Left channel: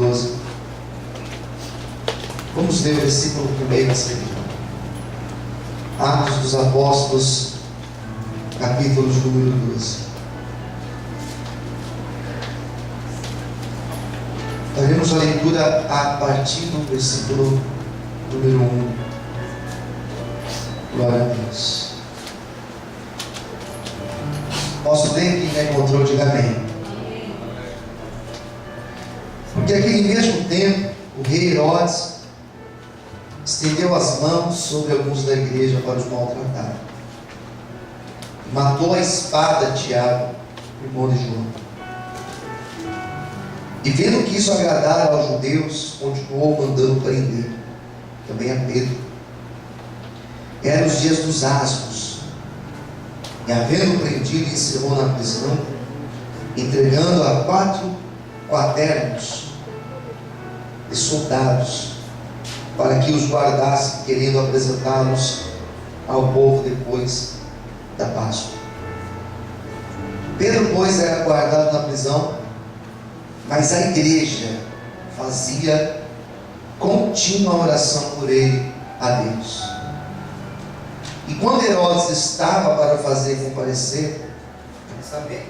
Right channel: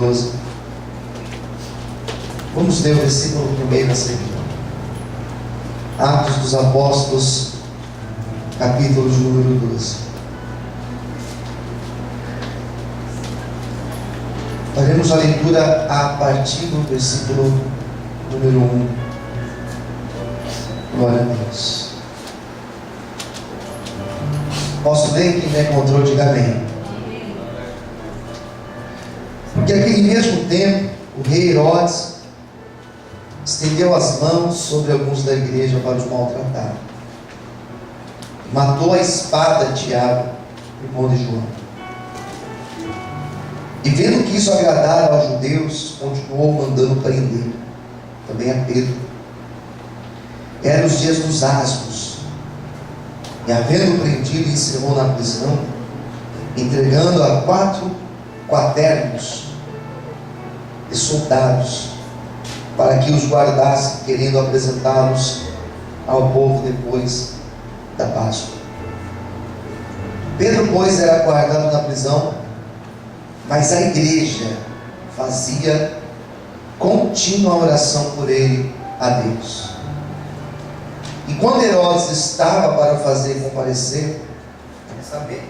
12. Vamos ler o versículo 1 a seguir. Atos dos Apóstolos, capítulo de número 12. Faremos a leitura a partir do versículo número 1. Glória a Deus. Posso ler? Quem já encontrou, diga amém. Porque naquele mesmo tempo, o rei Herodes estendeu as mãos sobre alguns da igreja para os maltratar. Matou a espada Tiago, irmão de João. E vendo que isso agradara aos judeus, continuou mandando prender também a Pedro. Eram os dias dos asmos. E havendo prendido, encerrou na prisão, entregando a 4 quaternos de soldados, para que os guardasse, querendo apresentá-los ao povo depois da Páscoa. Pedro, pois, era guardado na prisão, mas a igreja fazia contínua oração por ele a Deus. E quando Herodes estava para fazer comparecer,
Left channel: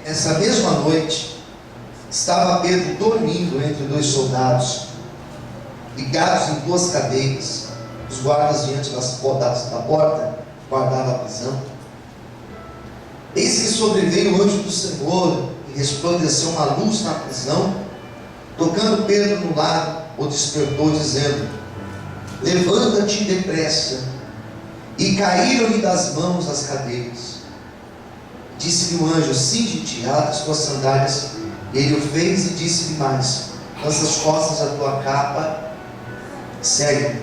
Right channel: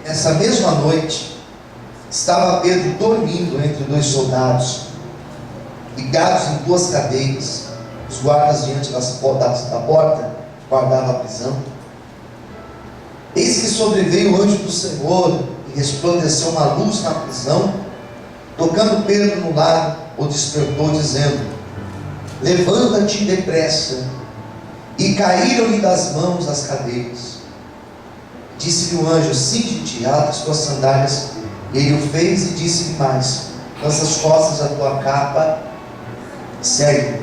nessa mesma noite, estava Pedro dormindo entre 2 soldados, ligados em 2 cadeias, os guardas diante da porta guardavam a prisão. Eis que sobreveio o anjo do Senhor e resplandeceu uma luz na prisão, tocando Pedro no lado, o despertou, dizendo: levanta-te depressa. E caíram-lhe das mãos as cadeias. Disse-lhe o anjo: cinge-te, ata as tuas sandálias. E ele o fez e disse-lhe mais: lança as costas a tua capa, segue.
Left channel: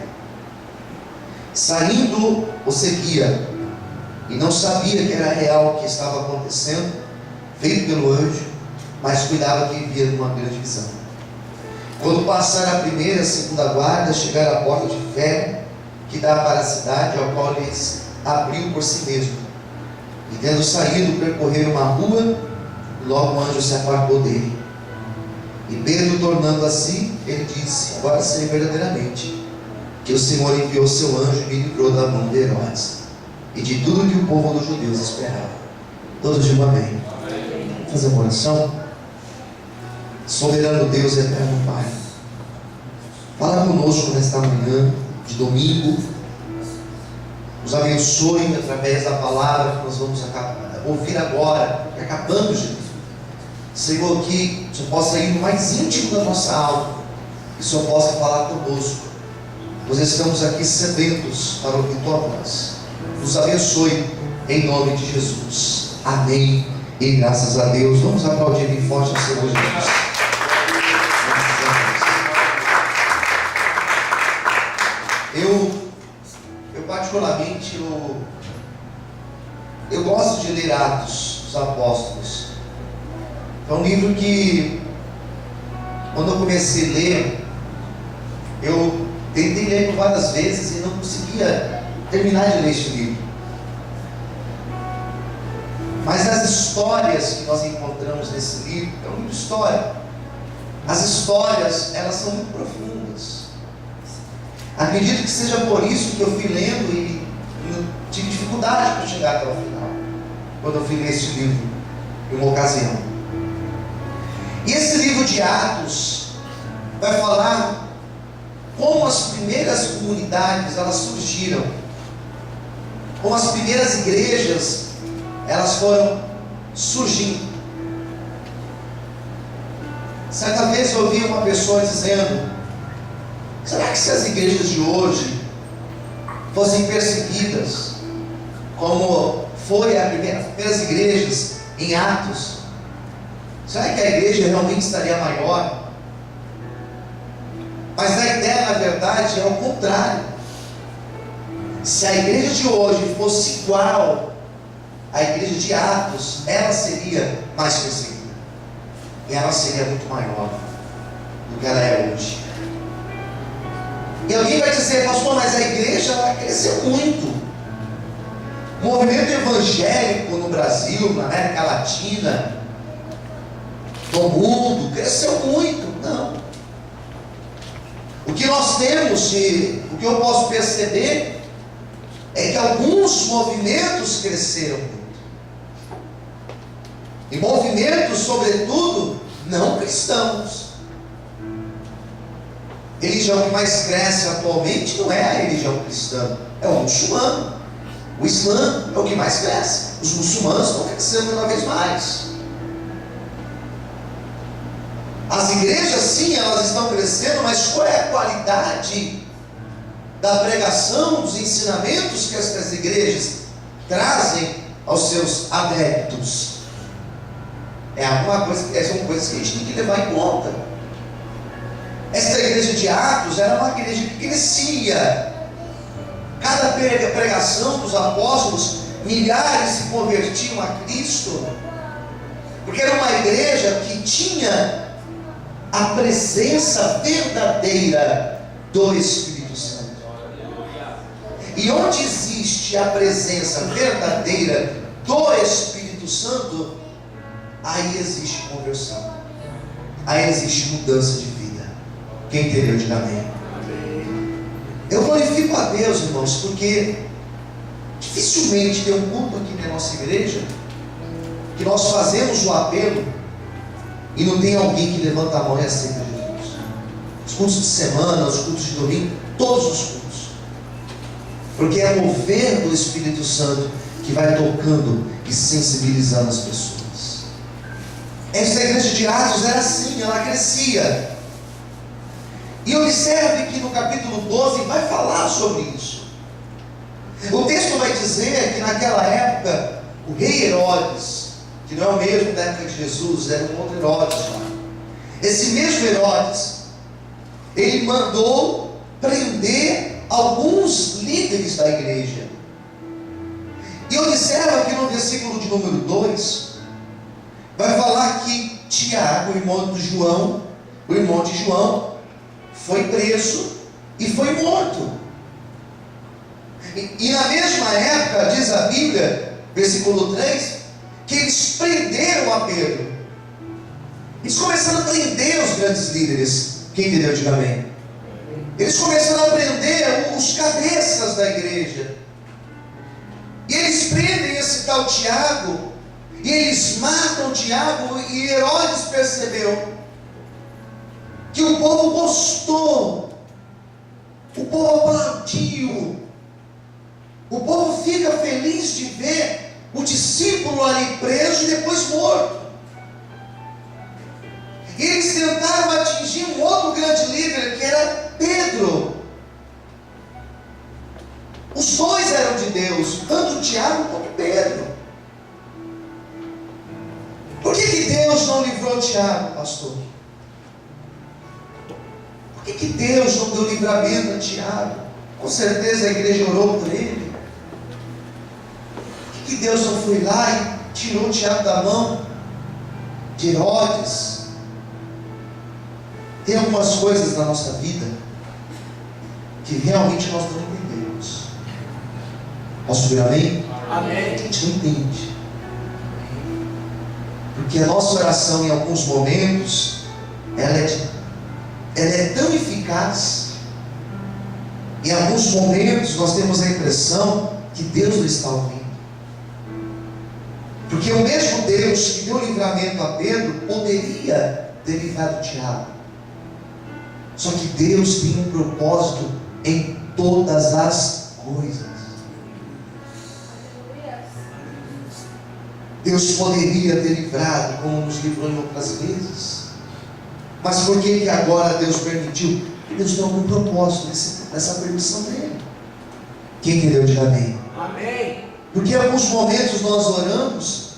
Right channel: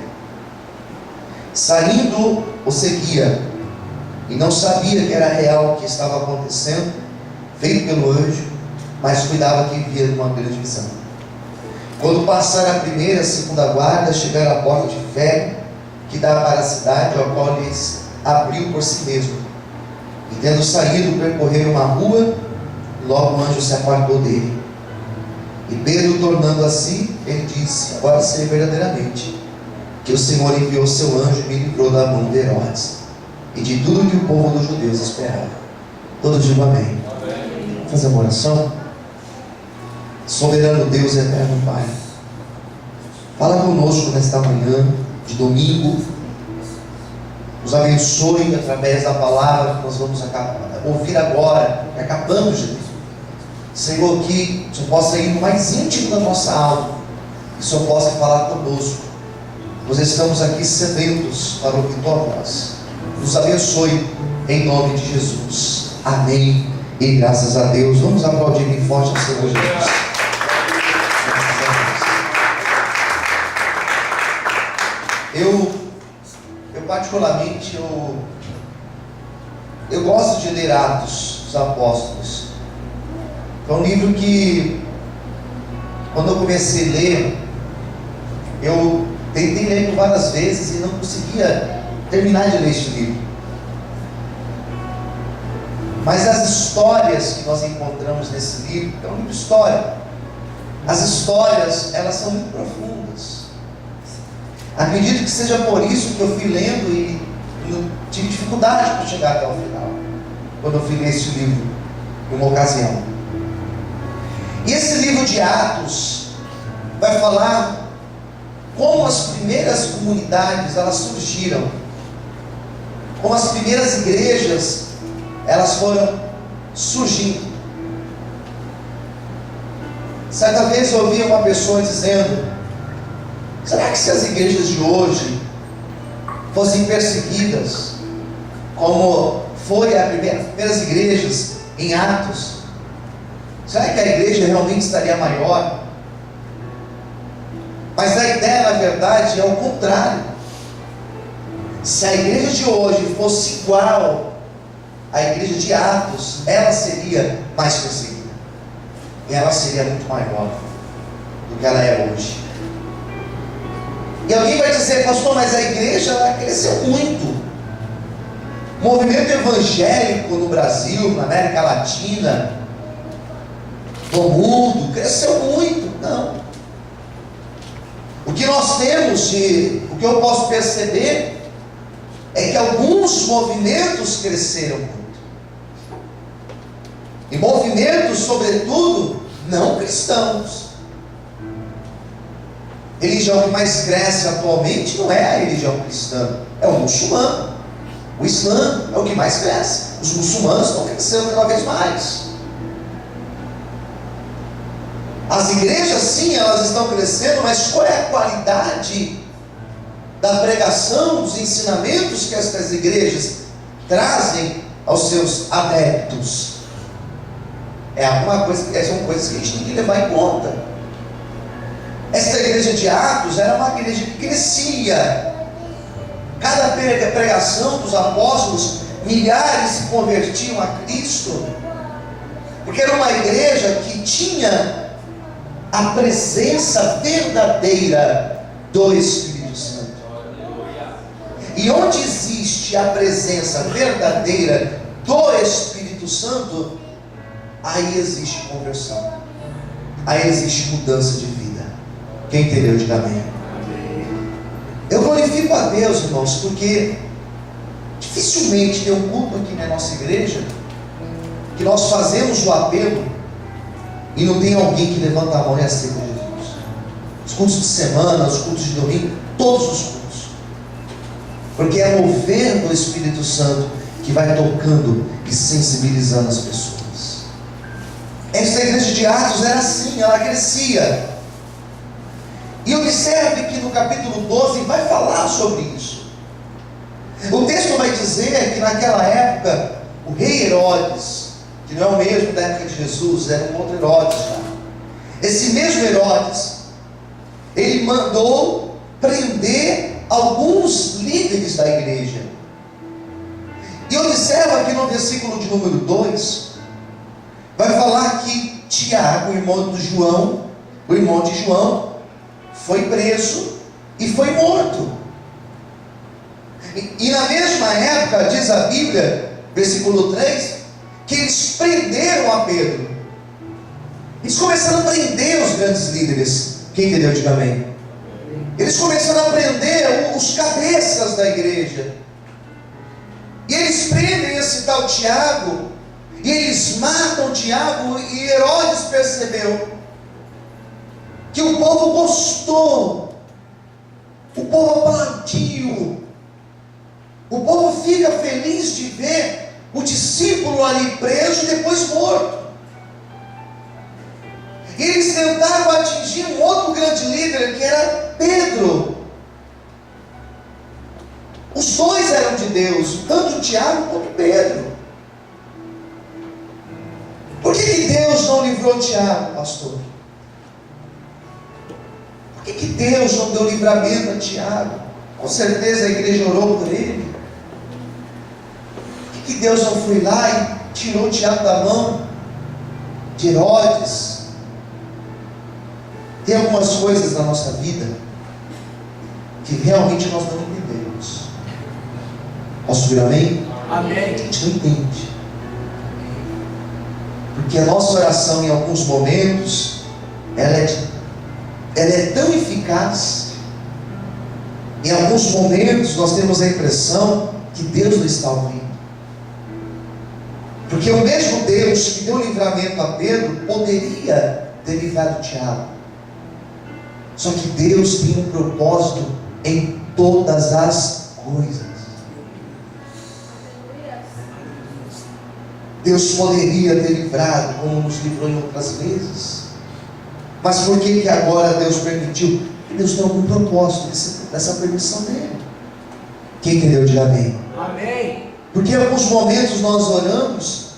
Saindo, o seguia, e não sabia que era real o que estava acontecendo, feito pelo anjo, mas cuidava que via numa grande visão. Quando passaram a primeira e a segunda guarda, chegaram à porta de ferro que dá para a cidade, ao qual lhes abriu por si mesmo. E tendo saído, percorreram uma rua, e logo o anjo se apartou dele. E Pedro, tornando a si, ele disse: agora sei verdadeiramente que o Senhor enviou seu anjo e me livrou da mão de Herodes e de tudo que o povo dos judeus esperava. Todos digam amém. Vamos fazer uma oração. Soberano Deus e eterno Pai, fala conosco nesta manhã de domingo, nos abençoe através da palavra que nós vamos ouvir agora, que acabamos de ler. Senhor, que o Senhor possa ir no mais íntimo da nossa alma, que o Senhor possa falar conosco. Nós estamos aqui sedentos para ouvir tua voz. Nos abençoe em nome de Jesus. Amém e graças a Deus. Vamos aplaudir bem forte ao Senhor Jesus. Eu particularmente, eu gosto de ler Atos dos Apóstolos. É um livro que, quando eu comecei a ler, eu tentei ler por várias vezes e não conseguia terminar de ler este livro. Mas as histórias que nós encontramos nesse livro, é um livro de história. As histórias, elas são muito profundas. Acredito que seja por isso que eu fui lendo e eu tive dificuldade para chegar até o final, quando eu fui ler este livro em uma ocasião. E esse livro de Atos vai falar como as primeiras comunidades elas surgiram, como as primeiras igrejas elas foram surgindo. Certa vez eu ouvi uma pessoa dizendo: será que se as igrejas de hoje fossem perseguidas, como foi as primeiras igrejas em Atos, será que a igreja realmente estaria maior? Mas a ideia, na verdade, é o contrário. Se a igreja de hoje fosse igual à igreja de Atos, ela seria mais perseguida. E ela seria muito maior do que ela é hoje. E alguém vai dizer: pastor, mas a igreja ela cresceu muito. O movimento evangélico no Brasil, na América Latina, no mundo, cresceu muito. Não. O que nós temos o que eu posso perceber é que alguns movimentos cresceram muito. E movimentos, sobretudo, não cristãos. A religião que mais cresce atualmente não é a religião cristã, é o muçulmano. O Islã é o que mais cresce. Os muçulmanos estão crescendo cada vez mais. As igrejas, sim, elas estão crescendo, mas qual é a qualidade da pregação, dos ensinamentos que estas igrejas trazem aos seus adeptos? São coisas que a gente tem que levar em conta. Esta igreja de Atos era uma igreja que crescia. Cada pregação dos apóstolos, milhares se convertiam a Cristo, porque era uma igreja que tinha a presença verdadeira do Espírito Santo. E onde existe a presença verdadeira do Espírito Santo, aí existe conversão, aí existe mudança de vida. Quem entendeu, diga amém. Eu glorifico a Deus, irmãos, porque dificilmente tem um culto aqui na nossa igreja que nós fazemos o apelo e não tem alguém que levanta a mão e aceita Jesus. Os cultos de semana, os cultos de domingo, todos os cultos, porque é o mover do Espírito Santo que vai tocando e sensibilizando as pessoas. Essa igreja de Atos era assim, ela crescia. E observe que no capítulo 12 vai falar sobre isso. O texto vai dizer que naquela época o rei Herodes, que não é o mesmo da época de Jesus, era um outro Herodes já. Esse mesmo Herodes, ele mandou prender alguns líderes da igreja. E observa que no versículo de número 2, vai falar que Tiago, o irmão de João, foi preso e foi morto. E na mesma época, diz a Bíblia, versículo 3, que eles prenderam a Pedro. Eles começaram a prender os grandes líderes. Quem entendeu, diga amém. Eles começaram a prender os cabeças da igreja. E eles prendem esse tal Tiago, e eles matam Tiago, e Herodes percebeu que o povo gostou, o povo aplaudiu, o povo fica feliz de ver o discípulo ali preso e depois morto. E eles tentaram atingir um outro grande líder, que era Pedro. Os dois eram de Deus, tanto Tiago quanto Pedro. Por que Deus não livrou Tiago, pastor? Por que Deus não deu livramento a Tiago? Com certeza a igreja orou por ele. Por que Deus não foi lá e tirou Tiago da mão de Herodes? Tem algumas coisas na nossa vida que realmente nós não entendemos. Posso ouvir amém? Amém. A gente não entende. Porque a nossa oração, em alguns momentos, ela é tão eficaz. Em alguns momentos nós temos a impressão que Deus não está ouvindo. Porque o mesmo Deus que deu livramento a Pedro poderia ter livrado Tiago. Só que Deus tem um propósito em todas as coisas. Deus poderia ter livrado, como nos livrou em outras vezes. Mas por que agora Deus permitiu? Deus tem algum propósito dessa permissão dele. Quem entendeu, diga amém. Amém. Porque em alguns momentos nós oramos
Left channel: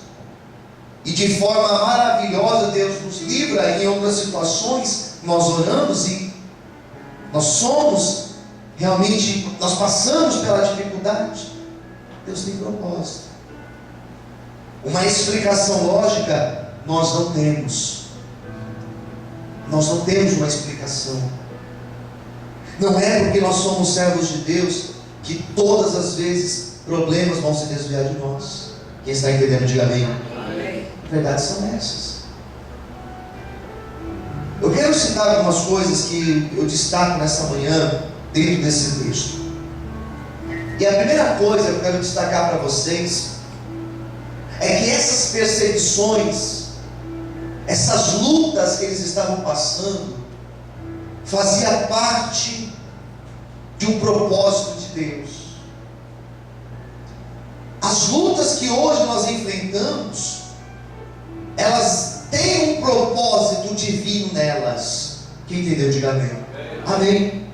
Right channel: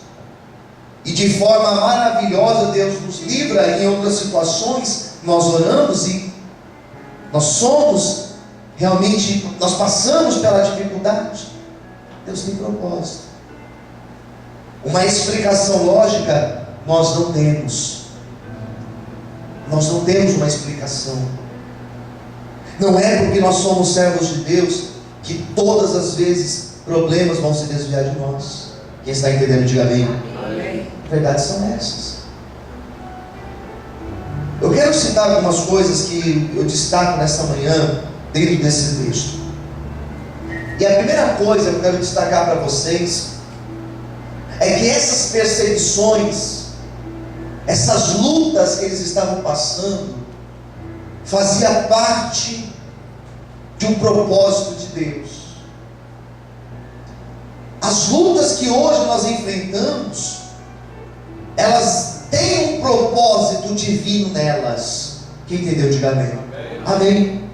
e de forma maravilhosa Deus nos livra. Em outras situações nós oramos e nós passamos pela dificuldade. Deus tem propósito. Uma explicação lógica nós não temos. Nós não temos uma explicação. Não é porque nós somos servos de Deus que todas as vezes problemas vão se desviar de nós. Quem está entendendo, diga amém. Amém. Verdades são essas. Eu quero quero citar algumas coisas que eu destaco nessa manhã, dentro desse texto. E a primeira coisa que eu quero destacar para vocês é que essas perseguições, essas lutas que eles estavam passando, fazia parte de um propósito de Deus. As lutas que hoje nós enfrentamos, elas têm um propósito divino nelas. Quem entendeu, diga amém. Amém.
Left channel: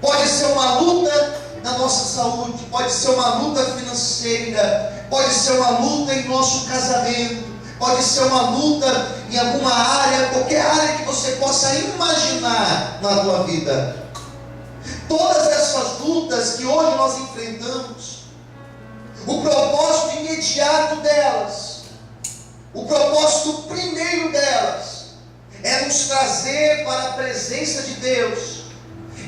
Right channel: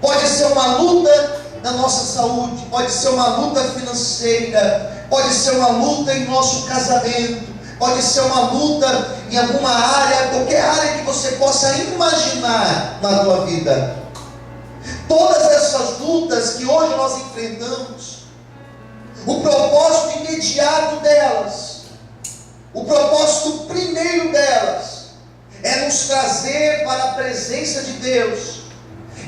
Pode ser uma luta na nossa saúde, pode ser uma luta financeira, pode ser uma luta em nosso casamento, pode ser uma luta em alguma área, qualquer área que você possa imaginar na tua vida. Todas essas lutas que hoje nós enfrentamos, o propósito imediato delas, o propósito primeiro delas, é nos trazer para a presença de Deus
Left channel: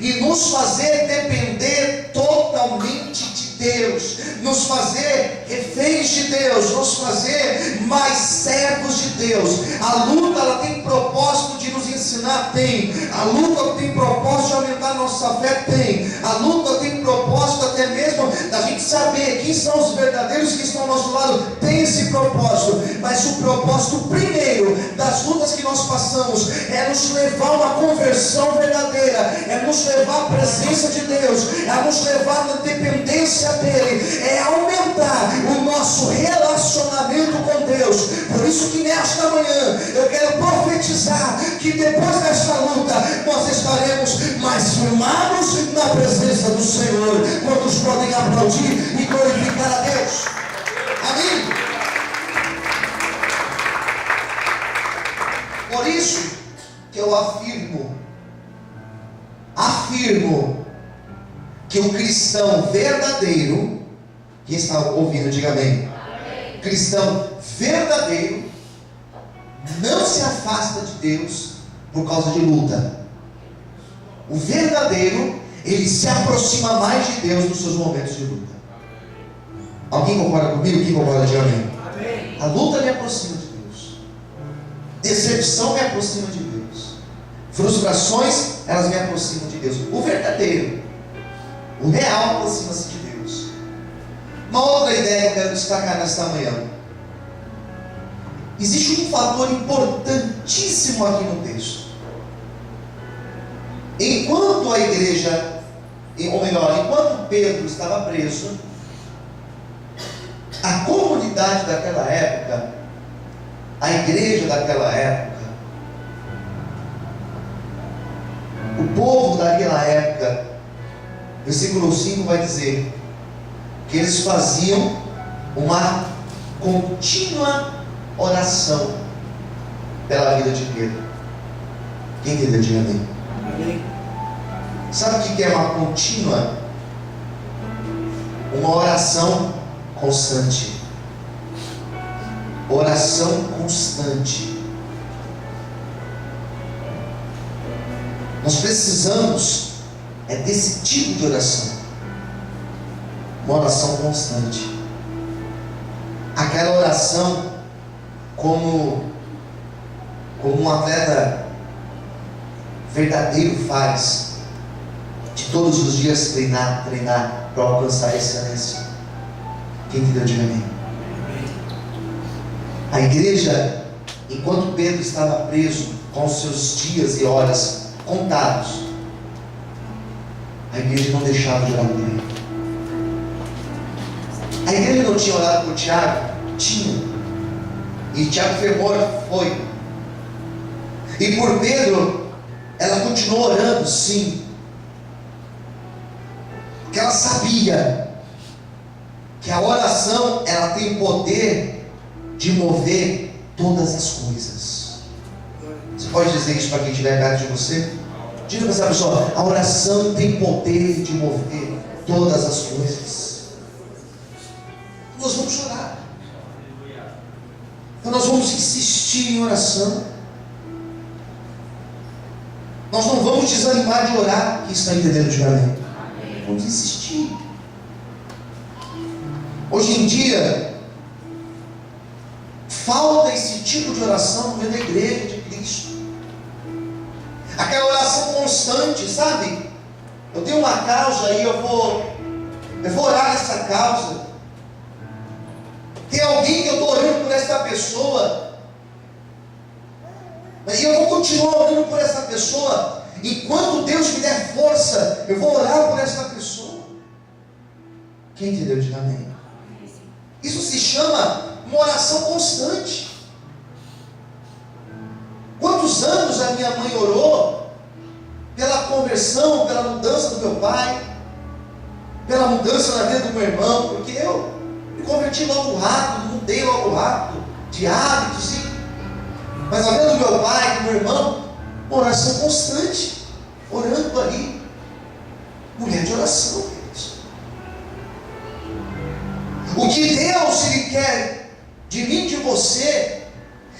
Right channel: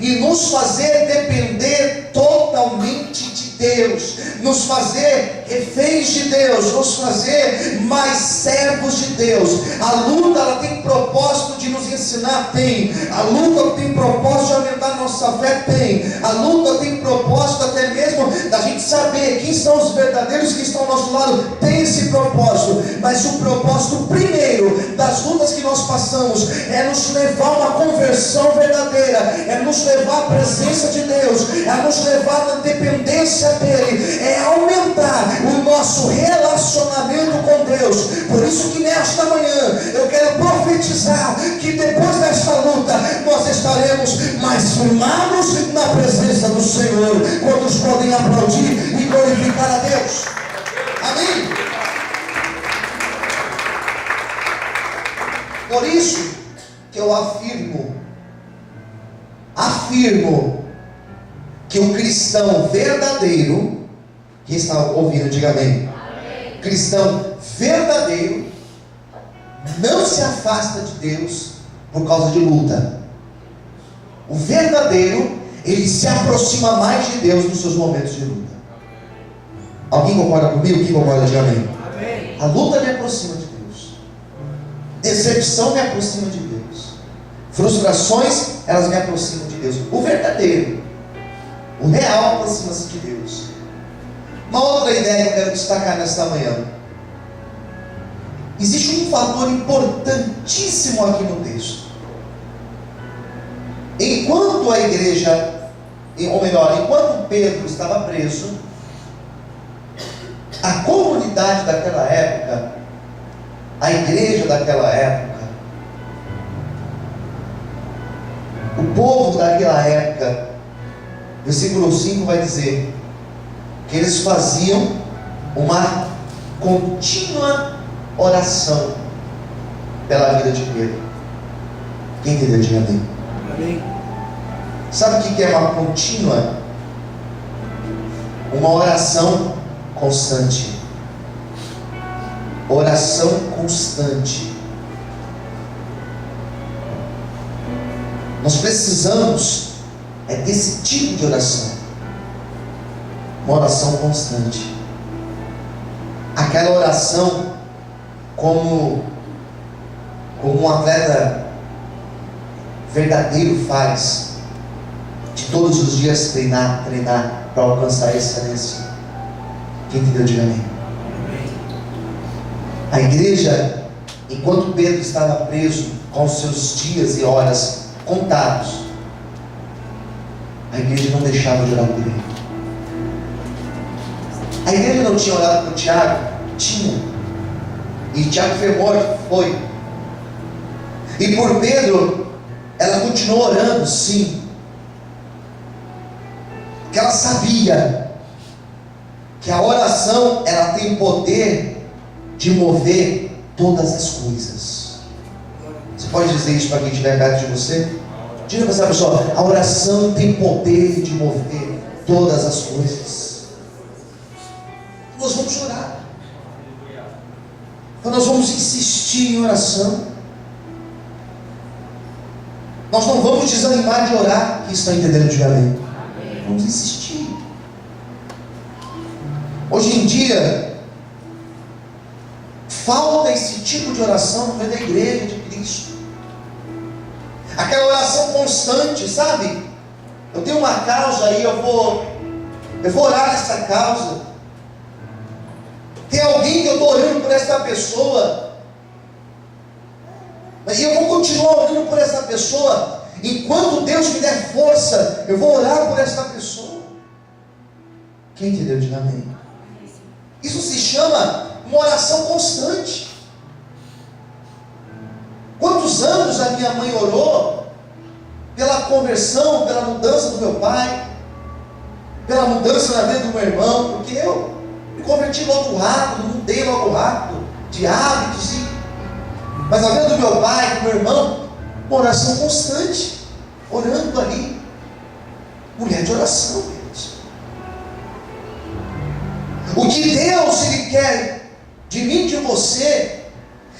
e nos fazer depender totalmente de Deus, nos fazer reféns de Deus, nos fazer mais servos de Deus. A luta, ela tem propósito de nos ensinar? Tem. A luta tem propósito de aumentar nossa fé? Tem. A luta tem propósito até mesmo da gente saber quem são os verdadeiros que estão ao nosso lado? Tem esse propósito. Mas o propósito primeiro das lutas que nós passamos é nos levar a uma conversão verdadeira, é nos levar à presença de Deus, é nos levar na dependência dele, é aumentar o nosso relacionamento com Deus. Por isso que nesta manhã eu quero profetizar que depois desta luta nós estaremos mais firmados na presença do Senhor. Quantos podem aplaudir e glorificar a Deus? Amém? Por isso que eu afirmo que o cristão verdadeiro, quem está ouvindo, diga amém. Amém. Cristão verdadeiro não se afasta de Deus por causa de luta. O verdadeiro, ele se aproxima mais de Deus nos seus momentos de luta. Alguém concorda comigo? Quem concorda, diga amém. Amém. A luta me aproxima de Deus, decepção me aproxima de Deus, frustrações, elas me aproximam de Deus. O verdadeiro, o real, aproxima-se de Deus. Uma outra ideia que eu quero destacar nesta manhã: existe um fator importantíssimo aqui no texto. Enquanto a igreja, ou melhor, enquanto Pedro estava preso, a comunidade daquela época, a igreja daquela época, o povo daquela época, versículo 5 vai dizer que eles faziam uma contínua oração pela vida de Pedro. Quem entendeu? Diga amém. Amém. Sabe o que é uma contínua? Uma oração constante. Oração constante. Nós precisamos desse tipo de oração. Uma oração constante. Aquela oração como um atleta verdadeiro faz, de todos os dias treinar para alcançar a excelência. Quem entendeu, diga amém. A igreja, enquanto Pedro estava preso, com seus dias e horas contados, a igreja não deixava de orar por ele. A igreja não tinha orado por Tiago? Tinha. E Tiago foi morto? Foi. E por Pedro, ela continuou orando? Sim. Porque ela sabia que a oração, ela tem o poder de mover todas as coisas. Você pode dizer isso para quem estiver perto de você? Diga para essa pessoa: a oração tem poder de mover todas as coisas. Nós vamos orar. Então nós vamos insistir em oração. Nós não vamos desanimar de orar. Quem está entendendo, diga amém. Vamos insistir. Hoje em dia falta esse tipo de oração no meio da igreja de Cristo. Aquela oração constante, sabe? Eu tenho uma causa aí, eu vou orar nessa causa. Tem alguém que eu estou orando por essa pessoa, e eu vou continuar orando por essa pessoa. Enquanto Deus me der força, eu vou orar por essa pessoa. Quem entendeu? Diga amém. Isso se chama uma oração constante. Quantos anos a minha mãe orou pela conversão, pela mudança do meu pai, pela mudança na vida do meu irmão, porque eu me converti logo rápido, mudei logo rápido de hábitos, sim. Mas a vida do meu pai, do meu irmão, uma oração constante, orando ali. Mulher de oração, queridos. O que Deus Ele quer de mim, de você,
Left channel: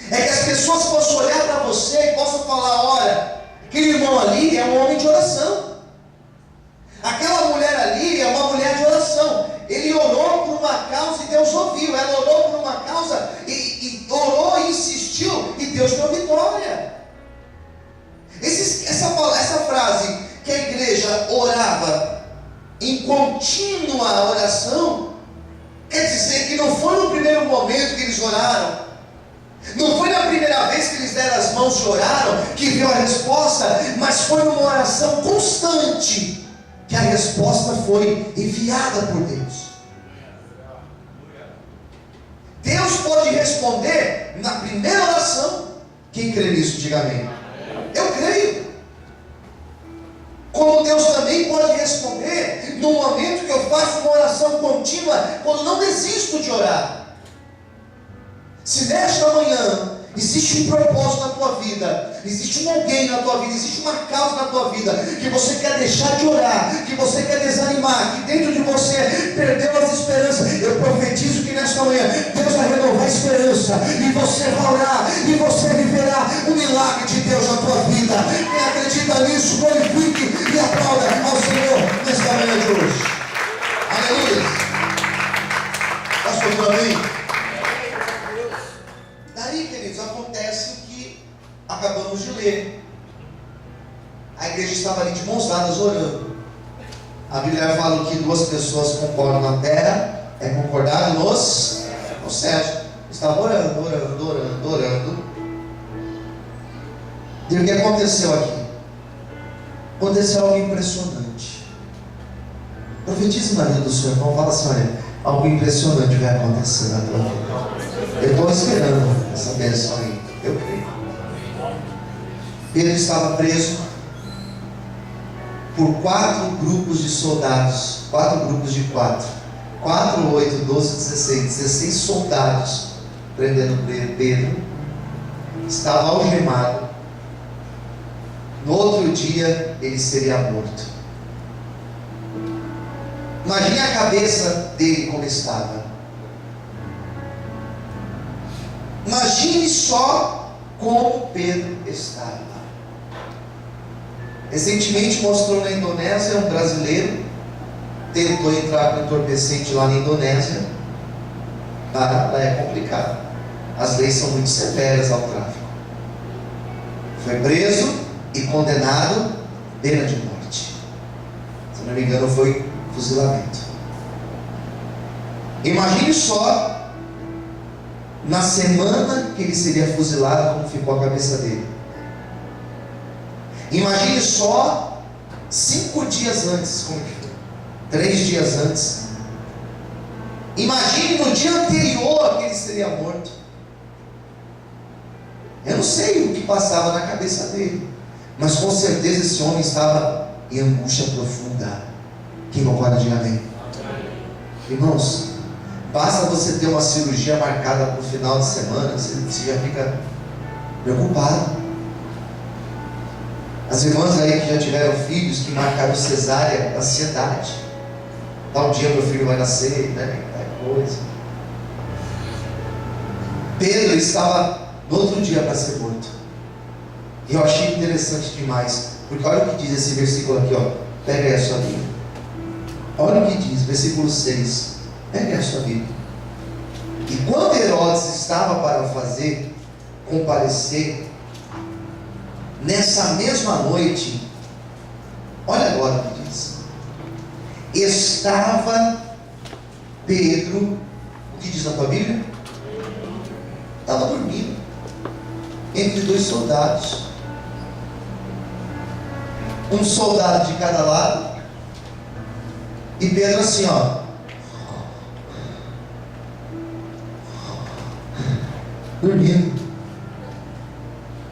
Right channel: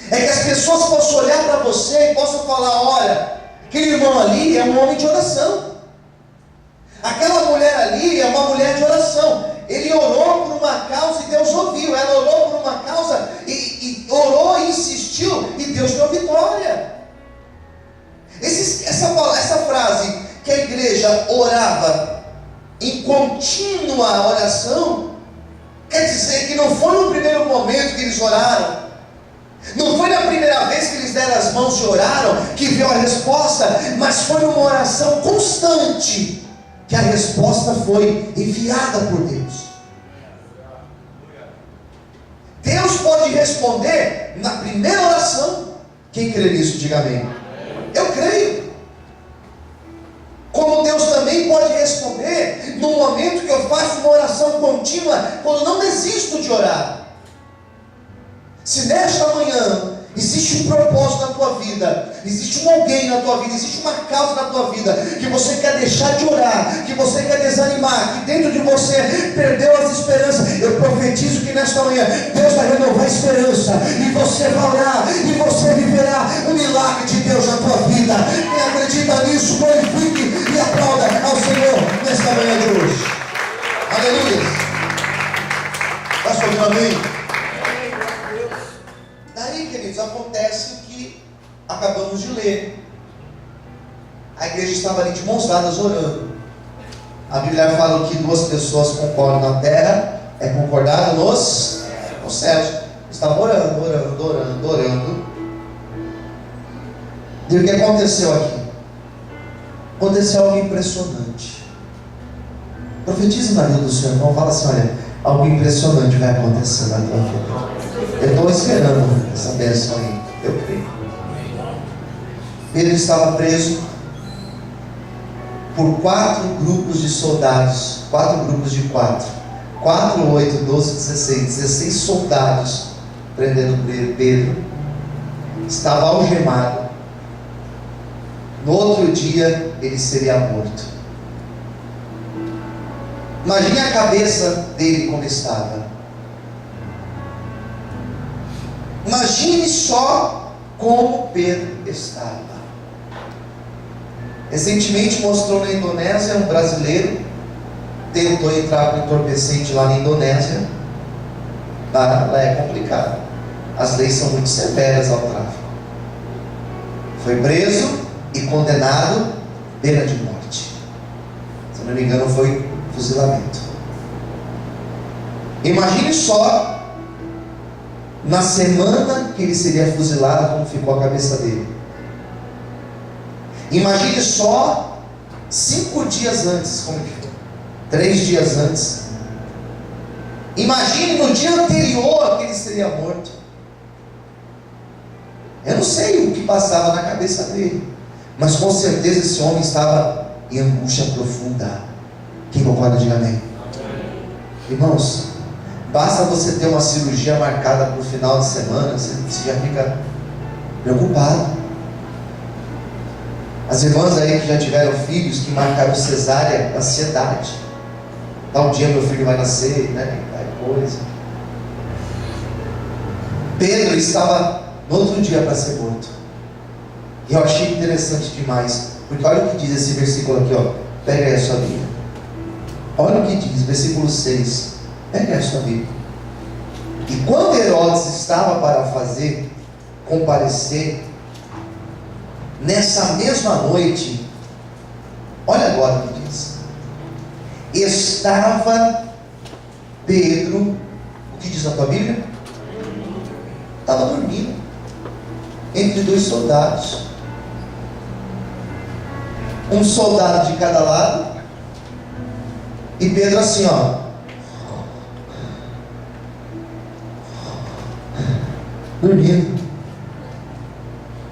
é que as pessoas possam olhar para você e possam falar: olha, aquele irmão ali é um homem de oração, aquela mulher ali é uma mulher de oração. Ele orou por uma causa e Deus ouviu. Ela orou por uma causa e orou e insistiu e Deus deu vitória. Essa frase que a igreja orava em contínua oração, quer dizer que não foi no primeiro momento que eles oraram, não foi na primeira vez que eles deram as mãos e oraram que veio a resposta, mas foi uma oração constante que a resposta foi enviada por Deus. Deus pode responder na primeira oração. Quem crê nisso, diga amém. Eu creio. Como Deus também pode responder no momento que eu faço uma oração contínua, quando não desisto de orar. Se nesta manhã existe um propósito na tua vida, existe um alguém na tua vida, existe uma causa na tua vida, que você quer deixar de orar, que você quer desanimar, que dentro de você perdeu as esperanças, eu profetizo que nesta manhã Deus vai renovar a esperança, e você vai orar, e você viverá o milagre de Deus na tua vida. Quem acredita nisso, glorifique e aplauda ao Senhor nesta manhã de hoje. Aleluia. Pastor, amém. Daí, queridos, acontece o que acabamos de ler. A igreja estava ali de mãos dadas orando. A Bíblia fala que duas pessoas concordam na terra, é concordado nos céus. Estava orando. E o que aconteceu aqui? Aconteceu algo impressionante. Profetize na vida do seu irmão, fala assim: olha, algo impressionante vai acontecer na tua vida. Eu estou esperando essa bênção aí, eu creio. Pedro estava preso por 4 grupos de soldados, 4 grupos de 4, 8, 12, 16 soldados prendendo Pedro. Estava algemado. No outro dia ele seria morto. Imagine a cabeça dele como estava. Imagine só como Pedro estava. Recentemente mostrou na Indonésia um brasileiro tentou entrar com entorpecente lá na Indonésia. Lá é complicado. As leis são muito severas ao tráfico. Foi preso e condenado, pena de morte. Se não me engano, foi fuzilamento. Imagine só, na semana que ele seria fuzilado, como ficou a cabeça dele. Imagine só 5 dias antes, como que foi? 3 dias antes. Imagine no dia anterior que ele seria morto. Eu não sei o que passava na cabeça dele, mas com certeza esse homem estava em angústia profunda. Quem concorda, diga amém. Irmãos, basta você ter uma cirurgia marcada para o final de semana, você já fica preocupado. As irmãs aí que já tiveram filhos, que marcaram cesárea, ansiedade. Tal dia meu filho vai nascer, né? Coisa. Pedro estava no outro dia para ser morto. E eu achei interessante demais, porque olha o que diz esse versículo aqui, ó. Pega aí a sua Bíblia. Olha o que diz, versículo 6. Pega aí a sua Bíblia. E quando Herodes estava para fazer comparecer Nessa mesma noite, olha agora o que diz: estava Pedro, o que diz a tua Bíblia? Estava dormindo entre dois soldados, um soldado de cada lado, e Pedro assim, ó, dormindo.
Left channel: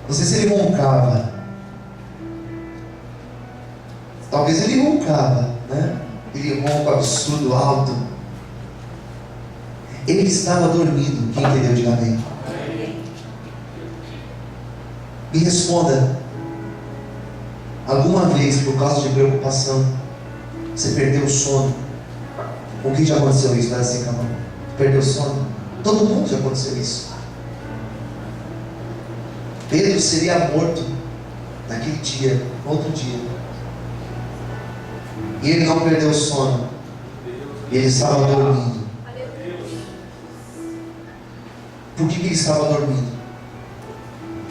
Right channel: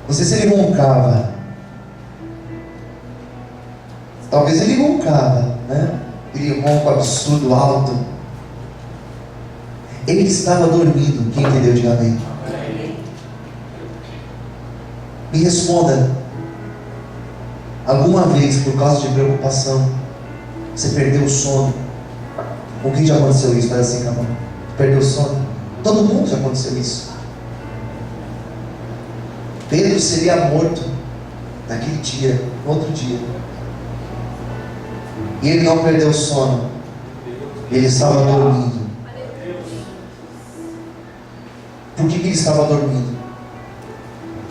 Não sei se ele roncava, talvez ele roncava, né? Ele ronco absurdo, alto. Ele estava dormindo. Quem entendeu, diga amém. Me responda: alguma vez, por causa de preocupação, você perdeu o sono? Com quem já aconteceu isso? Faz assim com a mão. Perdeu o sono? Todo mundo já aconteceu isso. Pedro seria morto naquele dia, no outro dia. E ele não perdeu o sono. Ele estava dormindo. Por que ele estava dormindo?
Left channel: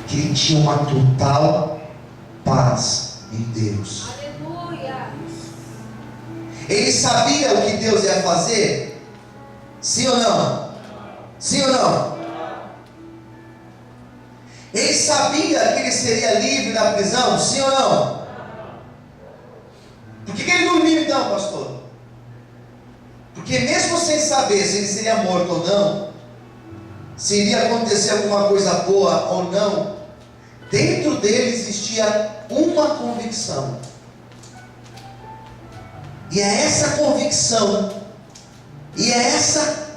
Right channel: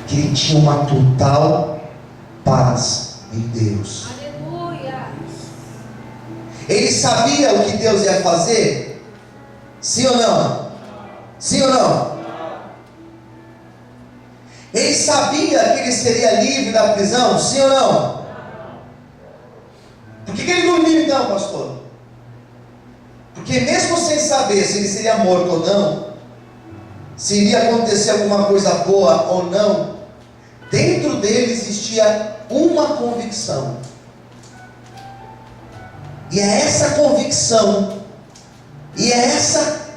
Que ele tinha uma total paz em Deus. Aleluia. Ele sabia o que Deus ia fazer? Sim ou não? Sim ou não? Ele sabia que ele seria livre da prisão? Sim ou não? Por que ele dormiu então, pastor? Porque mesmo sem saber se ele seria morto ou não, se iria acontecer alguma coisa boa ou não, dentro dele existia uma convicção. E é essa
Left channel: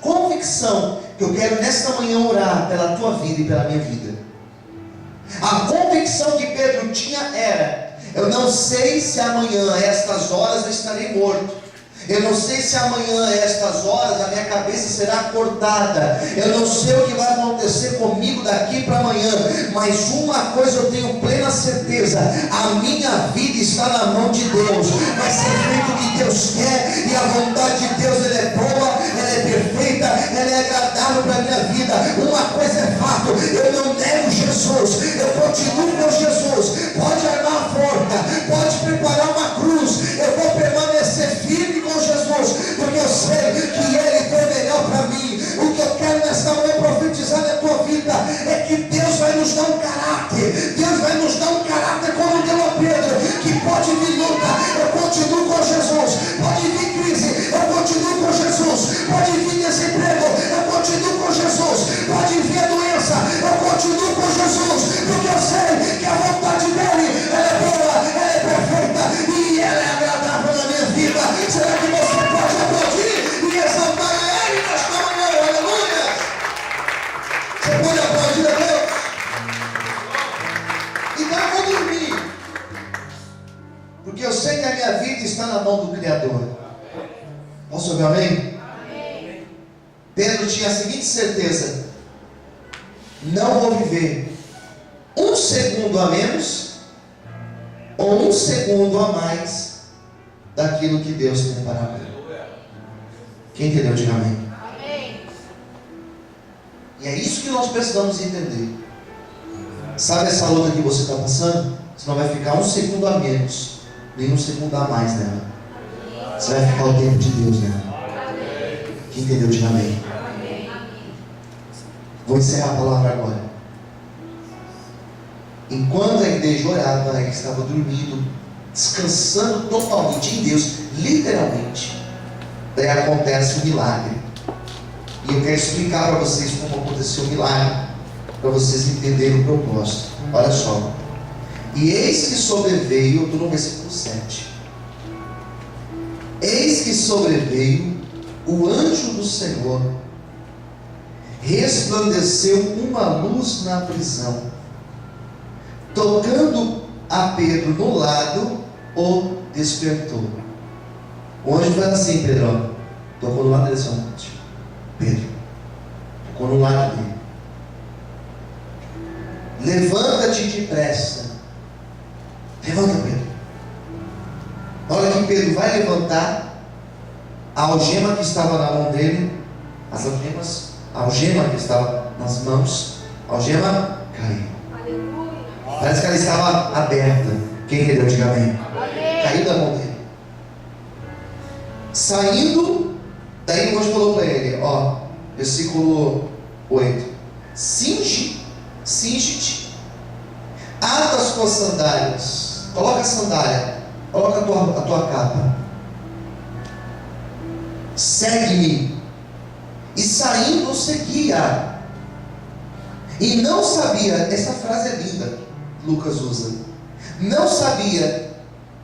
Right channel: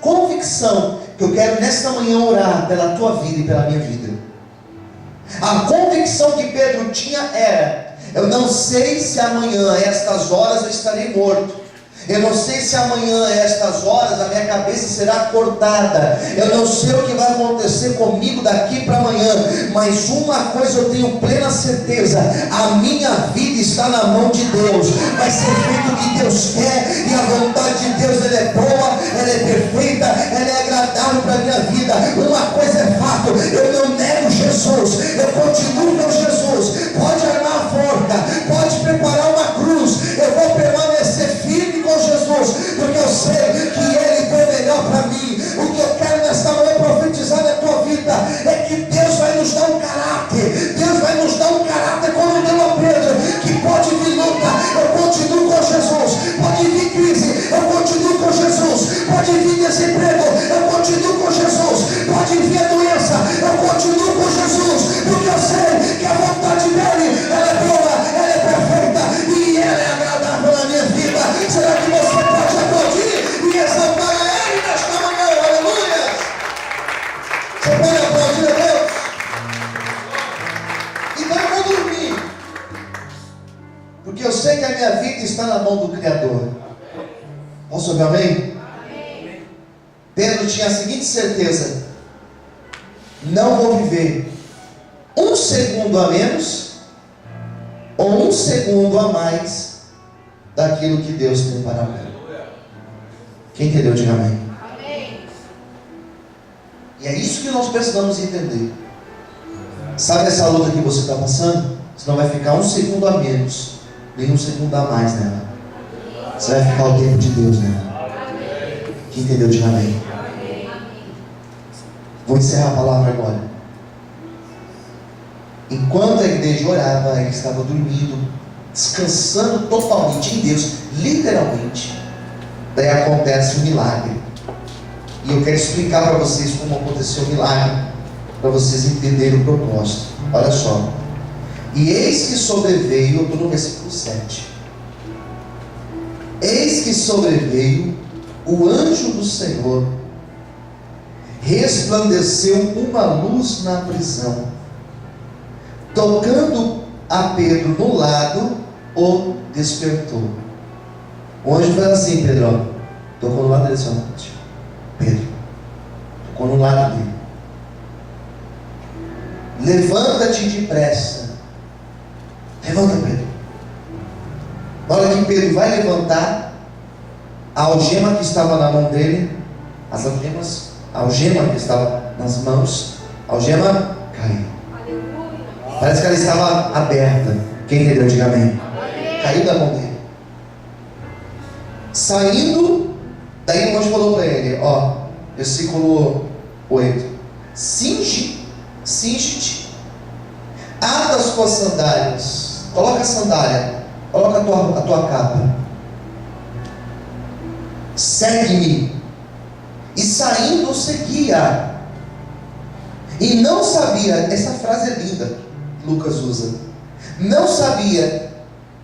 convicção que eu quero nesta manhã orar pela tua vida e pela minha vida. A convicção que Pedro tinha era: eu não sei se amanhã a estas horas eu estarei morto. Eu não sei se amanhã a estas horas a minha cabeça será cortada. Eu não sei o que vai acontecer comigo daqui para amanhã. Mas uma coisa eu tenho plena certeza: a minha vida está na mão de Deus. Vai ser feito o que Deus quer. E a vontade de Deus, ela é boa, ela é perfeita, ela é agradável para a minha vida. Uma coisa é fato: eu não nego Jesus, eu continuo com Jesus. Pode armar a forca, pode preparar uma cruz, eu vou permanecer firme com Jesus, porque eu sei que Ele tem melhor para mim. O que eu quero nesta manhã profetizar na tua vida é que Deus vai nos dar um caráter. Deus vai nos dar um caráter como deu a Pedro, que pode vir luta, eu continuo com Jesus. Pode vir crise, eu continuo com Jesus. Pode vir desemprego, eu continuo com Jesus. Pode vir a doença, eu continuo com Jesus, porque eu sei que a vontade dEle, ela é boa, ela é perfeita e ela é agradável na minha vida. Será que você pode aplaudir e exaltar Ele nesta manhã? Aleluia! Você pode aplaudir a Deus? Então eu vou dormir, porque eu sei que a minha vida está na mão do Criador. Posso ouvir amém? Amém. Pedro tinha a seguinte certeza: não vou viver um segundo a menos ou um segundo a mais daquilo que Deus tem para mim. Quem entendeu, diga amém. Amém. E é isso que nós precisamos entender. Sabe essa luta que você está passando? Você não vai ficar um segundo a menos, nem um segundo a mais nela. Você vai ficar o tempo de Deus nela. Quem entendeu, diga amém. Vou encerrar a palavra agora. Enquanto a igreja orava, ele estava dormindo, descansando totalmente em Deus, literalmente. Daí acontece um milagre. E eu quero explicar para vocês como aconteceu o milagre, para vocês entenderem o propósito. Olha só. E eis que sobreveio, eu estou no versículo 7. Eis que sobreveio o anjo do Senhor, resplandeceu uma luz na prisão, tocando a Pedro no lado, o despertou. O anjo faz assim: Pedrão, tocou no lado dele, Pedro, tocou no lado dele. Levanta-te depressa. Levanta, Pedro. Na hora que Pedro vai levantar, a algema que estava na mão dele, a algema que estava nas mãos, a algema caiu. Aleluia. Parece que ela estava aberta. Quem entendeu, diga amém. Caiu da mão dele. Saindo, daí o anjo falou para ele, ó, versículo 8: cinge-te, ata as tuas sandálias, coloca a sandália, coloca a tua capa, segue-me. E saindo seguia. E não sabia, essa frase é linda, Lucas usa, não sabia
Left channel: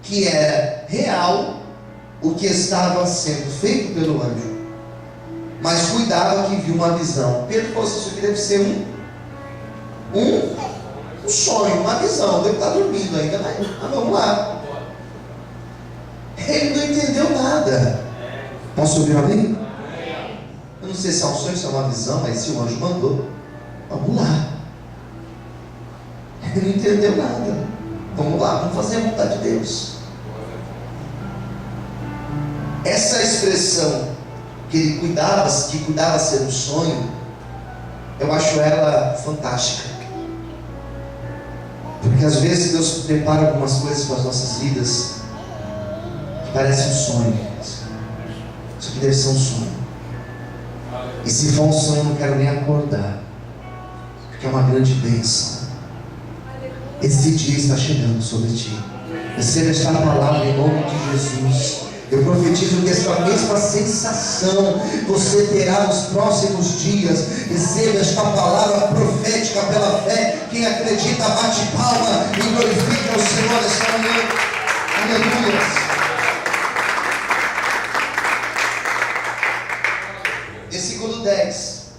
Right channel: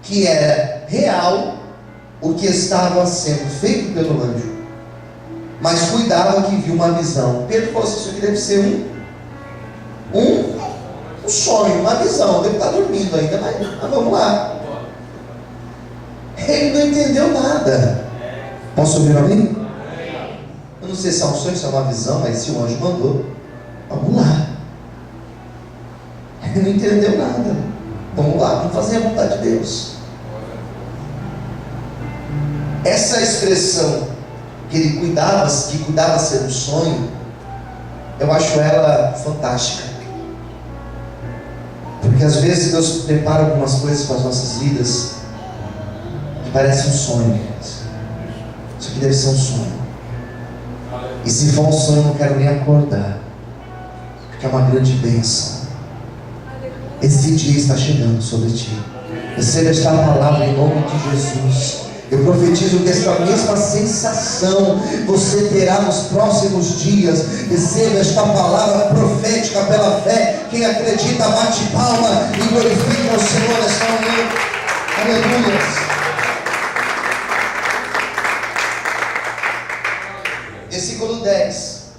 que era real o que estava sendo feito pelo anjo, mas cuidava que viu uma visão. Pedro falou assim: isso aqui deve ser um sonho, uma visão, deve estar dormindo ainda, mas vamos lá. Ele não entendeu nada. Posso ouvir alguém? Eu não sei se é um sonho, se é uma visão, mas se o anjo mandou, vamos lá. Ele não entendeu nada. Vamos lá, vamos fazer a vontade de Deus. Essa expressão que ele cuidava ser um sonho, eu acho ela fantástica. Porque às vezes Deus prepara algumas coisas para as nossas vidas que parecem um sonho. Isso aqui deve ser um sonho. E se for um sonho, eu não quero nem acordar, porque é uma grande bênção. Esse dia está chegando sobre ti. Receba esta palavra em nome de Jesus. Eu profetizo que esta mesma sensação você terá nos próximos dias. Receba esta palavra profética pela fé. Quem acredita, bate palma e glorifica o Senhor esta manhã. Aleluia. Versículo 10.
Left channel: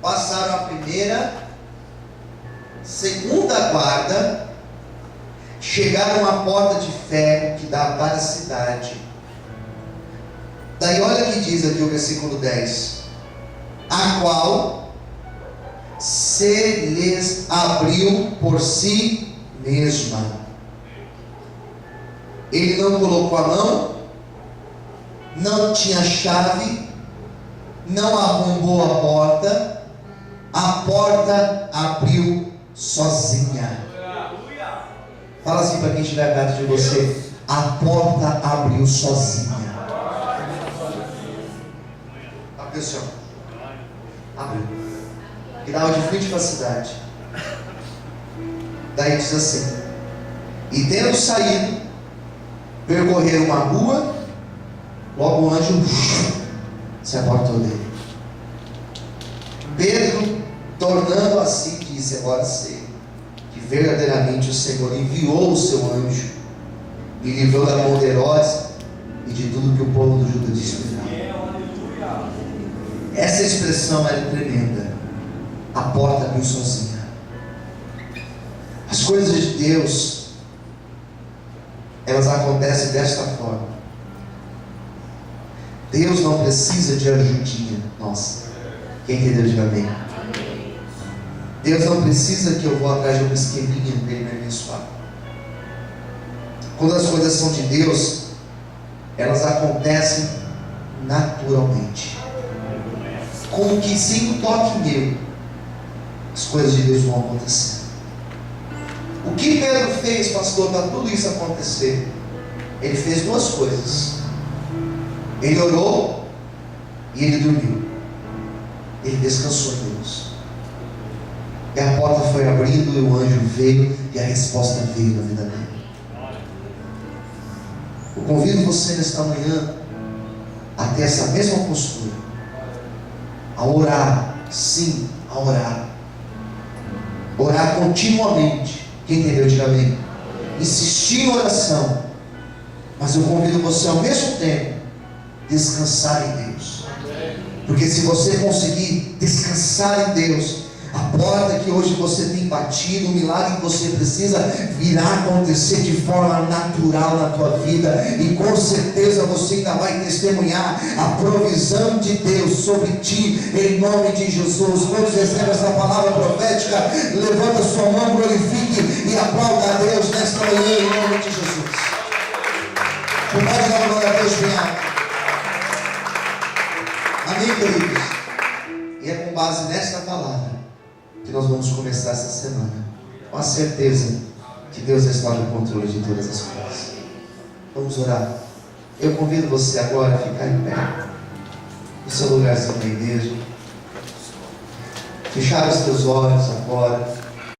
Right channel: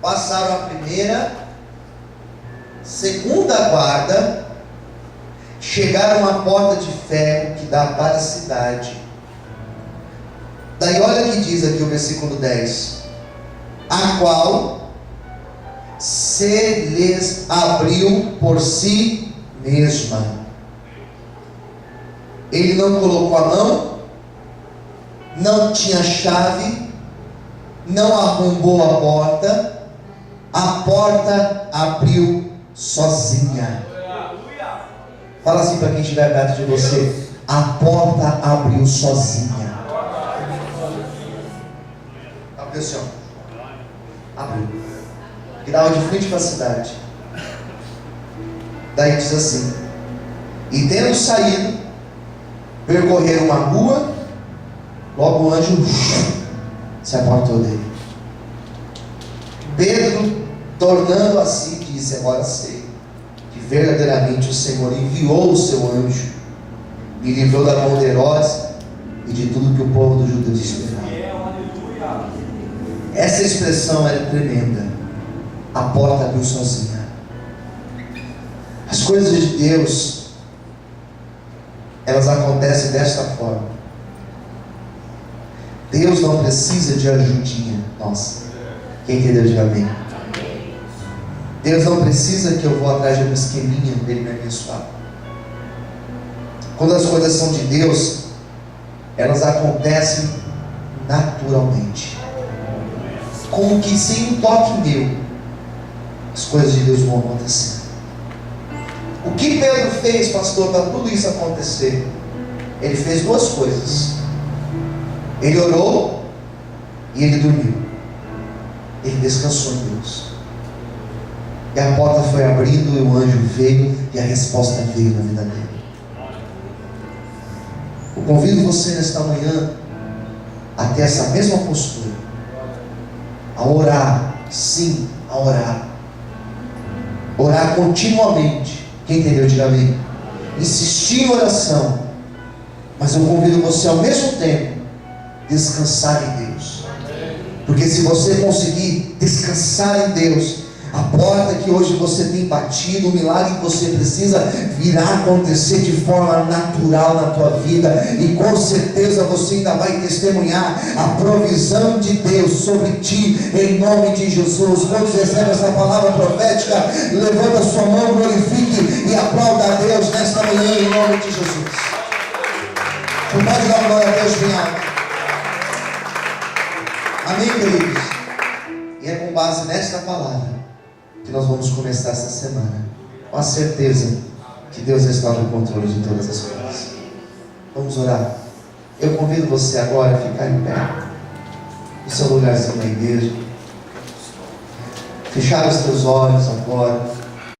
Passaram a primeira, segunda guarda, chegaram à porta de ferro que dá para a cidade. Daí olha o que diz aqui o versículo 10: a qual se lhes abriu por si mesma. Ele não colocou a mão, não tinha chave, não arrombou a porta abriu sozinha. Fala assim para quem estiver perto de você: a porta abriu sozinha. Abriu, senhor. Abriu. E dava de frente para a cidade. Daí diz assim: e tendo saído, percorreram uma rua, logo o anjo se apartou dele. Pedro, tornando a si, disse: agora sei que verdadeiramente o Senhor enviou o seu anjo, me livrou da mão de Herodes e de tudo que o povo do Judeu esperava. Essa expressão é tremenda. A porta abriu sozinha. As coisas de Deus, elas acontecem desta forma. Deus não precisa de ajudinha nossa. Quem entendeu, diga amém. Deus não precisa que eu vou atrás de uma esqueminha para Ele me abençoar. Quando as coisas são de Deus, elas acontecem naturalmente, como que sem um toque meu, as coisas de Deus vão acontecer. O que Pedro fez, pastor, para tudo isso acontecer? Ele fez duas coisas. Ele orou e ele dormiu. Ele descansou em Deus. E a porta foi abrindo e o anjo veio e a resposta veio na vida dele. Eu convido você nesta manhã a ter essa mesma postura, a orar, sim, a orar. Orar continuamente. Quem entendeu, diga amém. Insistir em oração. Mas eu convido você ao mesmo tempo descansar em Deus. Porque se você conseguir descansar em Deus, a porta que hoje você tem batido, o milagre que você precisa, virá acontecer de forma natural na tua vida. E com certeza você ainda vai testemunhar a provisão de Deus sobre ti, em nome de Jesus. Quando você recebe essa palavra profética, levanta sua mão, glorifique e aplauda a Deus nesta manhã, em nome de Jesus. Você pode dar uma glória a Deus bem alto. Amém, queridos? E é com base nesta palavra que nós vamos começar essa semana. com a certeza que Deus está no controle de todas as coisas. Vamos orar. Eu convido você agora a ficar em pé, no seu lugarzinho na igreja, fechar os teus olhos agora.